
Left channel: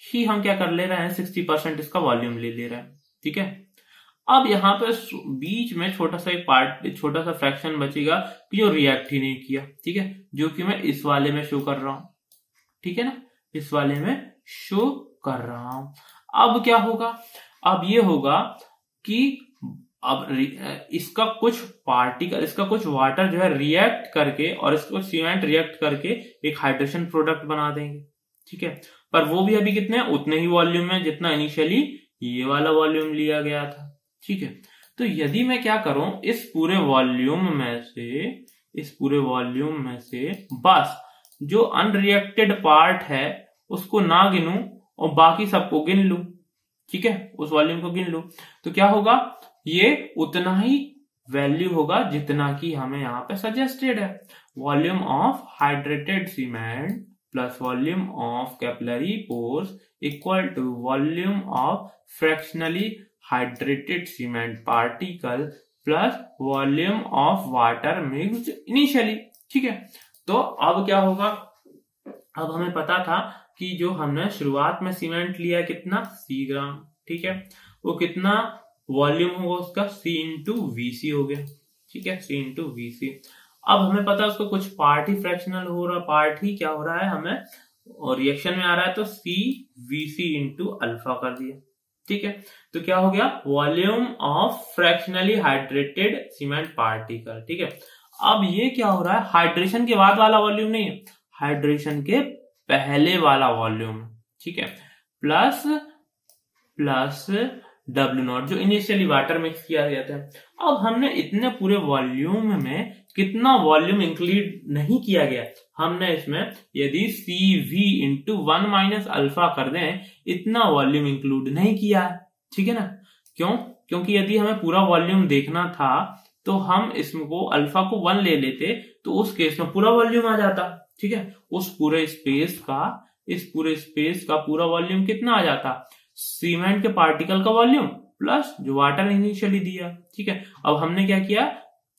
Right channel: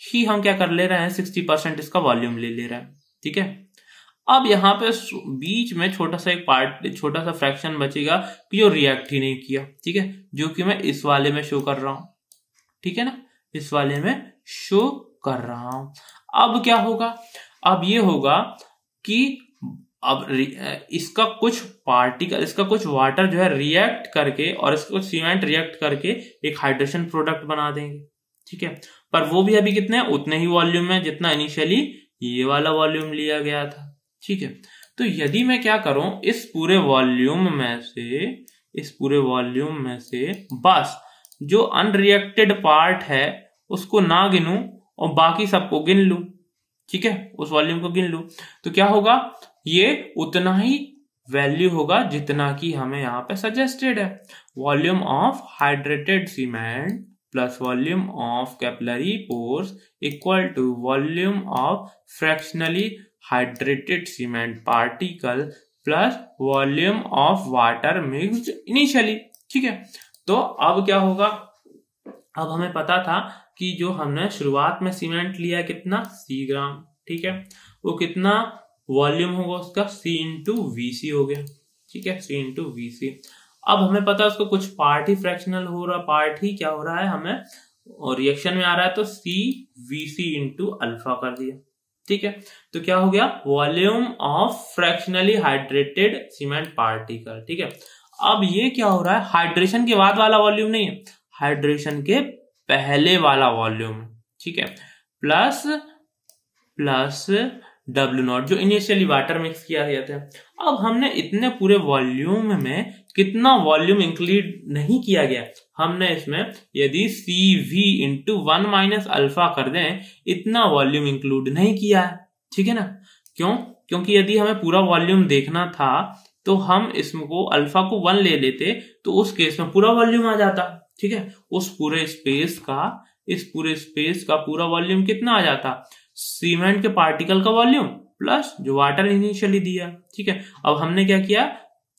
ही हम क्या कर ले रहे हैं, 60% इसका वॉल्यूम ले रहे हैं। ठीक है, अब यहाँ पे बीच में छोटा सा फ्रैक्शन बचेगा कि जो रिएक्ट ही नहीं किया, ठीक है, जो कि मैं इस वाले में शो कर रहा हूं, ठीक है ना, इस वाले में शो कर रहा हूं। अब क्या होगा, अब ये होगा कि अब इसका कुछ वाटर जो है रिएक्ट करके और इसको सीमेंट रिएक्ट करके एक हाइड्रेशन प्रोडक्ट बना देंगे। ठीक है, पर वो भी अभी कितने, उतने ही वॉल्यूम में जितना इनिशियली ये वाला वॉल्यूम लिया गया था। ठीक है, तो यदि मैं क्या करूं, इस पूरे वॉल्यूम में से बस जो अनरिएक्टेड पार्ट है उसको ना गिनूं और बाकी सबको गिन लूं, ठीक है, उस वॉल्यूम को गिन लूं, तो क्या होगा, ये उतना ही वैल्यू होगा जितना कि हमें यहाँ पे सजेस्टेड है। Volume of hydrated cement plus volume of capillary pores equal to volume of fractionally hydrated cement particle plus volume of water mixed initially. ठीक है, तो अब क्या होगा, अब हमें पता था कि जो हमने शुरुआत में सीमेंट लिया कितना, C ग्राम, ठीक है, वो कितना वॉल्यूम होगा उसका, C इंटू VC हो गया। ठीक है, C इंटू VC। अब हमें पता है उसका कुछ पार्ट ही फ्रैक्शनल हो रहा, पार्ट ही क्या हो रहा है हमें, और रिएक्शन में आ रहा है, तो CVC इंटू अल्फा कर दिया। ठीक है, तो क्या हो गया, volume of fractionally hydrated cement particle. ठीक है, अब ये क्या हो रहा है, हाइड्रेशन के बाद वाला वॉल्यूम नहीं है, हाइड्रेशन के पहले वाला वॉल्यूम। ठीक है, प्लस W0 जो इनिशियली वाटर मिक्स किया गया था। अब हमने इतने पूरे वॉल्यूम में कितना वॉल्यूम इंक्लूड नहीं किया गया, हमने इसमें यदि CV इंटू 1 माइनस अल्फा कर दें, इतना वॉल्यूम इंक्लूड नहीं किया है। ठीक है ना, क्यों, क्योंकि यदि हमें पूरा वॉल्यूम देखना था तो हम इसको अल्फा को 1 ले लेते, तो उस केस में पूरा वॉल्यूम आ जाता। ठीक है, इस पूरे स्पेस का पूरा वॉल्यूम कितना आ जाता, सीमेंट के पार्टिकल का वॉल्यूम प्लस जो वाटर इनिशियली दिया। ठीक है, अब हमने क्या किया,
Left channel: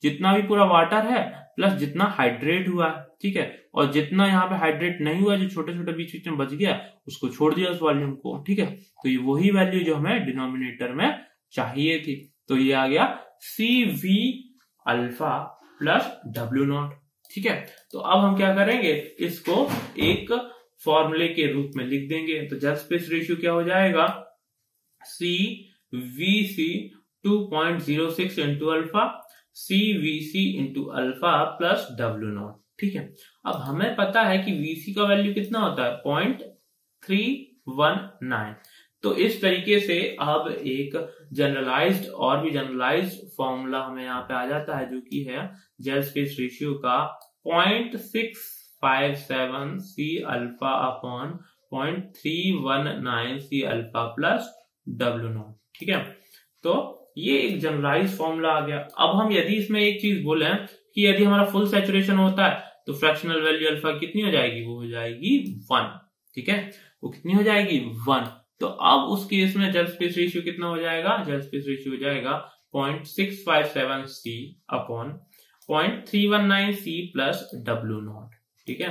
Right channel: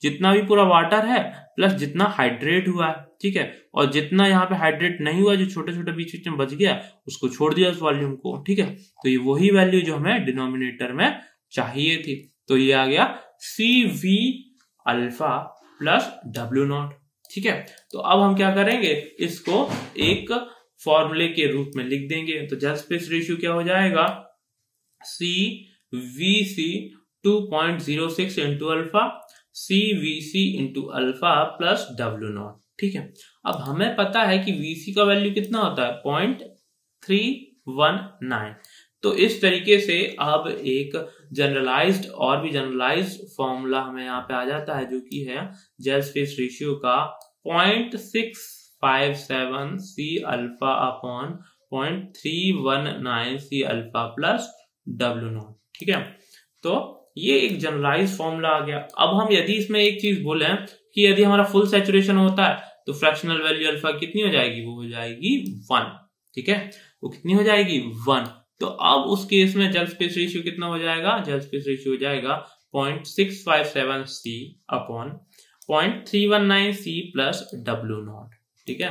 जितना भी पूरा वाटर है प्लस जितना हाइड्रेट हुआ, ठीक है, और जितना यहाँ पे हाइड्रेट नहीं हुआ, जो छोटे छोटे बीच में बच गया, उसको छोड़ दिया उस वॉल्यूम को। ठीक है, तो ये वही वैल्यू जो हमें डिनोमिनेटर में चाहिए थी, तो ये आ गया CV अल्फा प्लस W0। ठीक है, तो अब हम क्या करेंगे, इसको एक फॉर्मूले के रूप में लिख देंगे, तो जेल स्पेस रेशियो क्या हो जाएगा, CVC 2.06 into alpha CVC into alpha plus W0। ठीक है, अब हमें पता है कि VC का वैल्यू कितना होता है, 0.319। तो इस तरीके से अब एक जनरलाइज्ड फॉर्मूला हमें यहाँ पे आ जाता है, जो कि है जेल स्पेस रेशियो का 0.657 C alpha upon 0.319 C alpha plus W0। ठीक है, तो ये एक जनरलाइज फॉर्मूला आ गया। अब हम यदि इसमें एक चीज बोले कि यदि हमारा फुल सैचुरेशन होता है तो फ्रैक्शनल वैल्यू अल्फा कितनी हो जाएगी, वो हो जाएगी 1। ठीक है, वो कितनी हो जाएगी, 1। तो अब उस केस में जेल स्पेस रेशियो कितना हो जाएगा, जेल स्पेस रेशियो हो जाएगा 0.657 C upon 0.319 C plus W0। ठीक है,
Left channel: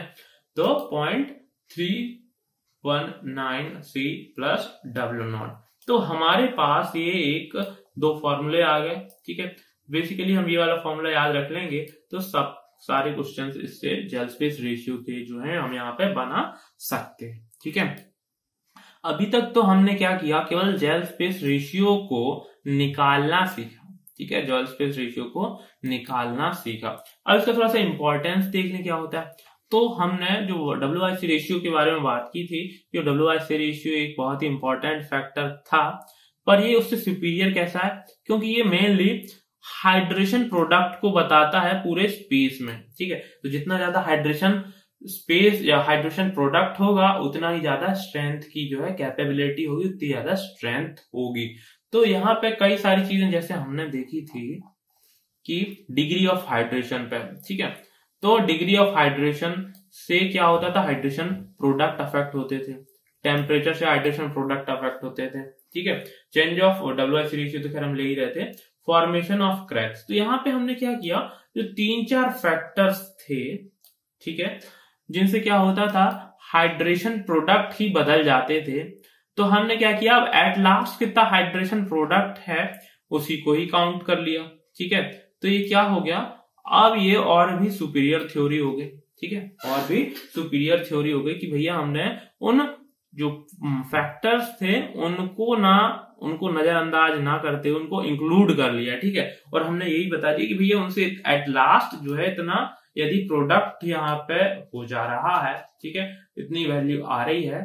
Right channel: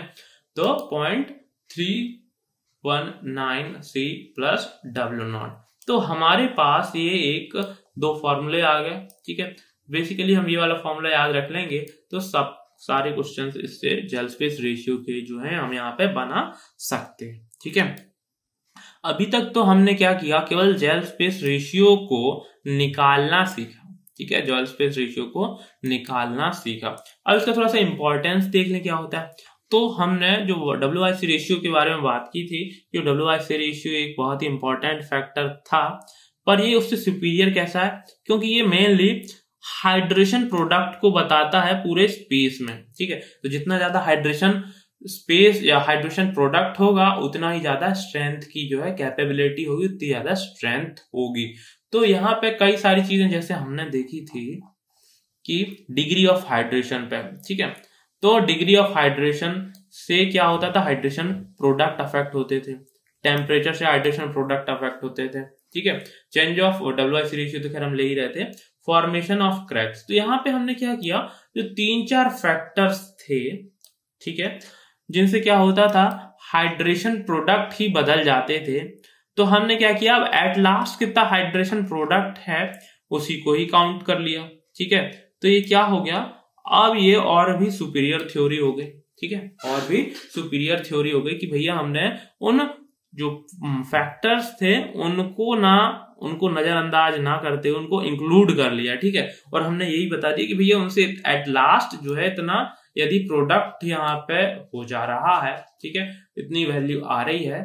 तो 0.319 C प्लस W0। तो हमारे पास ये एक दो फॉर्मूले आ गए, ठीक है। बेसिकली हम ये वाला फॉर्मूला याद रख लेंगे तो सब सारे क्वेश्चंस इससे जेल स्पेस रेशियो के जो है हम यहाँ पे बना सकते हैं, ठीक है। अभी तक तो हमने क्या किया, केवल जेल स्पेस रेशियो को निकालना सीखा, ठीक है, जेल स्पेस रेशियो को निकालना सीखा। अब इसका थोड़ा सा इंपॉर्टेंस देख लें क्या होता है। तो हमने जो WIC रेशियो के बारे में बात की थी, जो WIC रेशियो एक बहुत ही इंपॉर्टेंट फैक्टर था, पर ये उससे सुपीरियर कैसा है, क्योंकि ये मेनली हाइड्रेशन प्रोडक्ट को बताता है पूरे स्पेस में, ठीक है। तो जितना ज्यादा हाइड्रेशन स्पेस या हाइड्रेशन प्रोडक्ट होगा उतना ही ज्यादा स्ट्रेंथ की जो है कैपेबिलिटी होगी, उतनी ज्यादा स्ट्रेंथ होगी। तो यहाँ पे कई सारी चीजें जैसे हमने देखी थी कि डिग्री ऑफ हाइड्रेशन पे, ठीक है। तो डिग्री ऑफ हाइड्रेशन से क्या होता था, हाइड्रेशन प्रोडक्ट अफेक्ट होते थे, टेम्परेचर से हाइड्रेशन प्रोडक्ट अफेक्ट होते थे, ठीक है। चेंज ऑफ WIC रेशियो तो खैर हम ले ही रहे थे। फॉर्मेशन ऑफ क्रैक्स, तो यहाँ पे हमने क्या किया, जो 3-4 फैक्टर्स थे, ठीक है, जिनसे क्या होता था, हाइड्रेशन प्रोडक्ट ही बदल जाते थे। तो हमने क्या किया, अब एट लास्ट कितना हाइड्रेशन प्रोडक्ट है उसी को ही काउंट कर लिया, ठीक है। तो ये क्या हो गया, अब ये और भी सुपीरियर थ्योरी हो गई, ठीक है, और भी सुपीरियर थ्योरी हो गई कि भैया हमने उन जो फैक्टर्स थे उनको नजरअंदाज ना करते उनको इंक्लूड कर लिया, ठीक है। और हमने यही बता दिया कि भैया उनसे एट लास्ट जो है इतना यदि प्रोडक्ट यहाँ पे हो जा रहा है, ठीक है, इतनी वैल्यू आ रही है,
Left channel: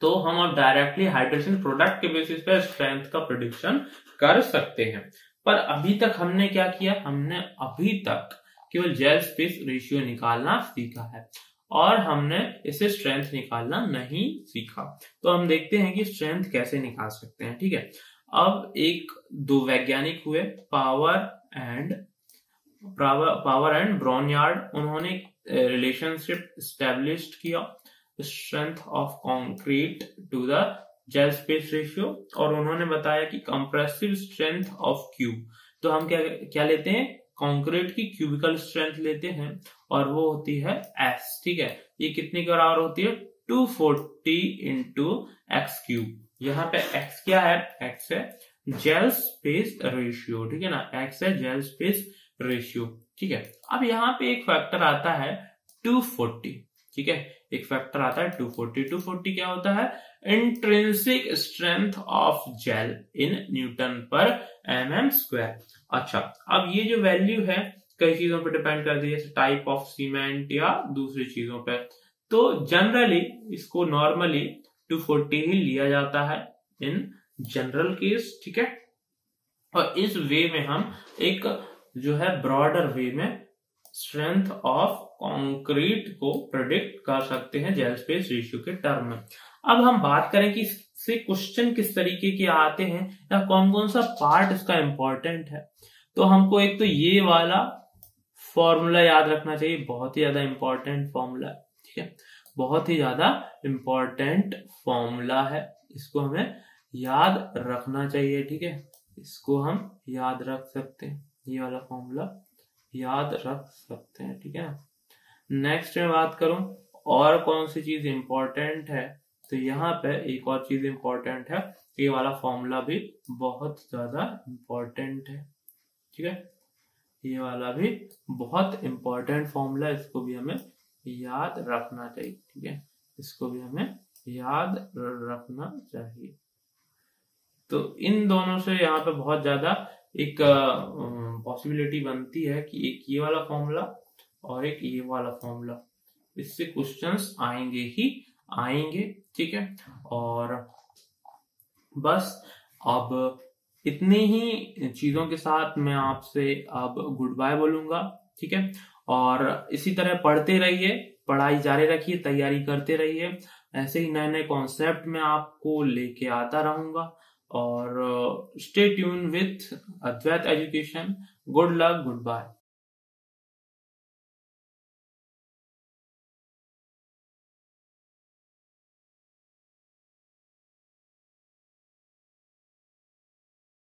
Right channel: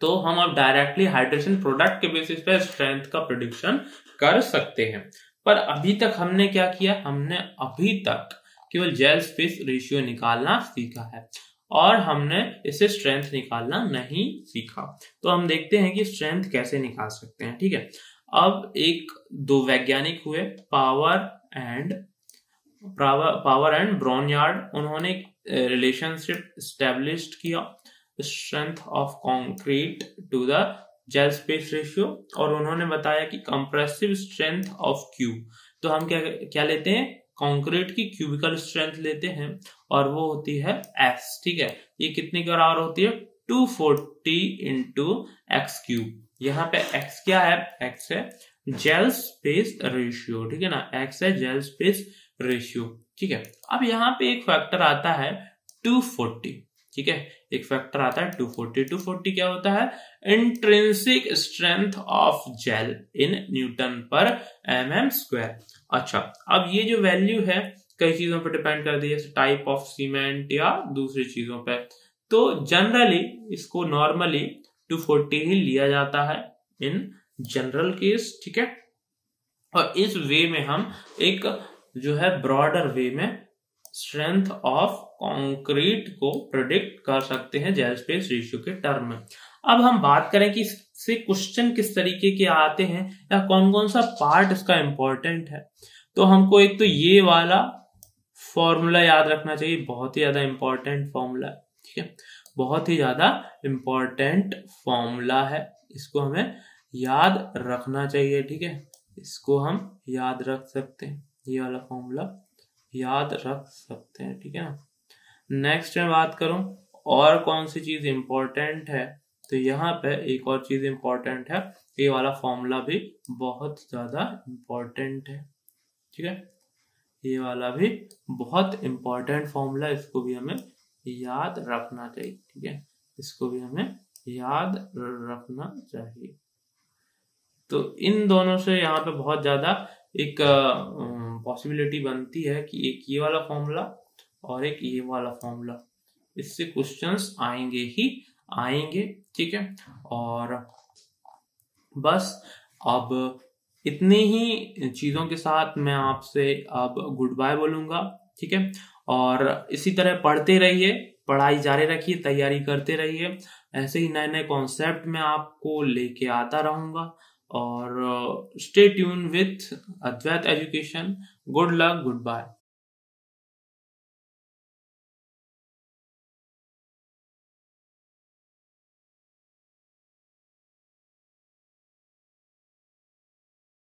तो हम अब डायरेक्टली हाइड्रेशन प्रोडक्ट के बेसिस पे स्ट्रेंथ का प्रेडिक्शन कर सकते हैं। पर अभी तक हमने क्या किया, हमने अभी तक केवल जेल स्पेस रेशियो निकालना सीखा है और हमने इससे स्ट्रेंथ निकालना नहीं सीखा। तो हम देखते हैं कि स्ट्रेंथ कैसे निकाल सकते हैं, ठीक है। अब दो वैज्ञानिक हुए, पावर एंड ब्रॉनयार्ड, उन्होंने रिलेशनशिप एस्टेब्लिश किया strength of concrete to the gel space ratio, और उन्होंने बताया कि कंप्रेसिव स्ट्रेंथ ऑफ क्यूब, तो हम क्या लेते हैं, कंक्रीट की क्यूबिकल स्ट्रेंथ लेते हैं और वो होती है S, ठीक है। ये कितने के बराबर होती है, 240 इंटू एक्स क्यूब। यहाँ पे X क्या है, X है जेल स्पेस रेशियो, ठीक है ना, X है जेल स्पेस रेशियो, ठीक है। अब यहाँ पे एक फैक्टर आता है 240, ठीक है, एक फैक्टर आता है 240। 240 क्या होता है, intrinsic strength of gel in newton per mm²। अच्छा, अब ये जो वैल्यू है कई चीजों पर डिपेंड करती है, जैसे टाइप ऑफ सीमेंट या दूसरी चीजों पर। तो जनरली इसको नॉर्मली 240 ही लिया जाता है इन जनरल केस, ठीक है। और इस वे में हम एक जो है ब्रॉडर वे में स्ट्रेंथ ऑफ कंक्रीट को प्रेडिक्ट कर सकते हैं जेल स्पेस रेशियो के टर्म में। अब हम बात करें कि इससे क्वेश्चन किस तरीके के आते हैं या कौन कौन सा पार्ट इसका इंपॉर्टेंट है। तो हमको एक तो ये वाला फॉर्मूला याद रखना चाहिए, बहुत ही ज्यादा इंपॉर्टेंट फॉर्मूला, ठीक है, बहुत ही ज्यादा इंपॉर्टेंट फॉर्मूला है, इसको हमें याद रखना चाहिए, ठीक है, इसको हम याद रख सकते हैं, ये वाला फॉर्मूला याद रख सकते हैं, ठीक है ना। नेक्स्ट में बात करूं और कौन सी चीज इंपॉर्टेंट है, तो यहाँ पे एक और चीज इंपॉर्टेंट है, ये वाला फॉर्मूला भी बहुत ज्यादा इंपॉर्टेंट है, ठीक है, ये वाला भी बहुत इंपॉर्टेंट फॉर्मूला, इसको भी हमें याद रखना चाहिए, ठीक है, इसको भी हमें याद रखना चाहिए। तो इन दोनों से यहाँ पे बहुत ज्यादा एक पॉसिबिलिटी बनती है कि एक ये वाला फॉर्मूला और एक ये वाला फॉर्मूला, इससे क्वेश्चंस आएंगे ही आएंगे, ठीक है। और बस अब इतनी ही चीजों के साथ मैं आपसे अब गुड बाय बोलूंगा, ठीक है। और इसी तरह पढ़ते रहिए, पढ़ाई जारी रखिए, तैयारी करते रहिए, ऐसे ही नए नए कॉन्सेप्ट मैं आपको लेके आता रहूंगा। और stay tune with Advait education. Good luck, good bye.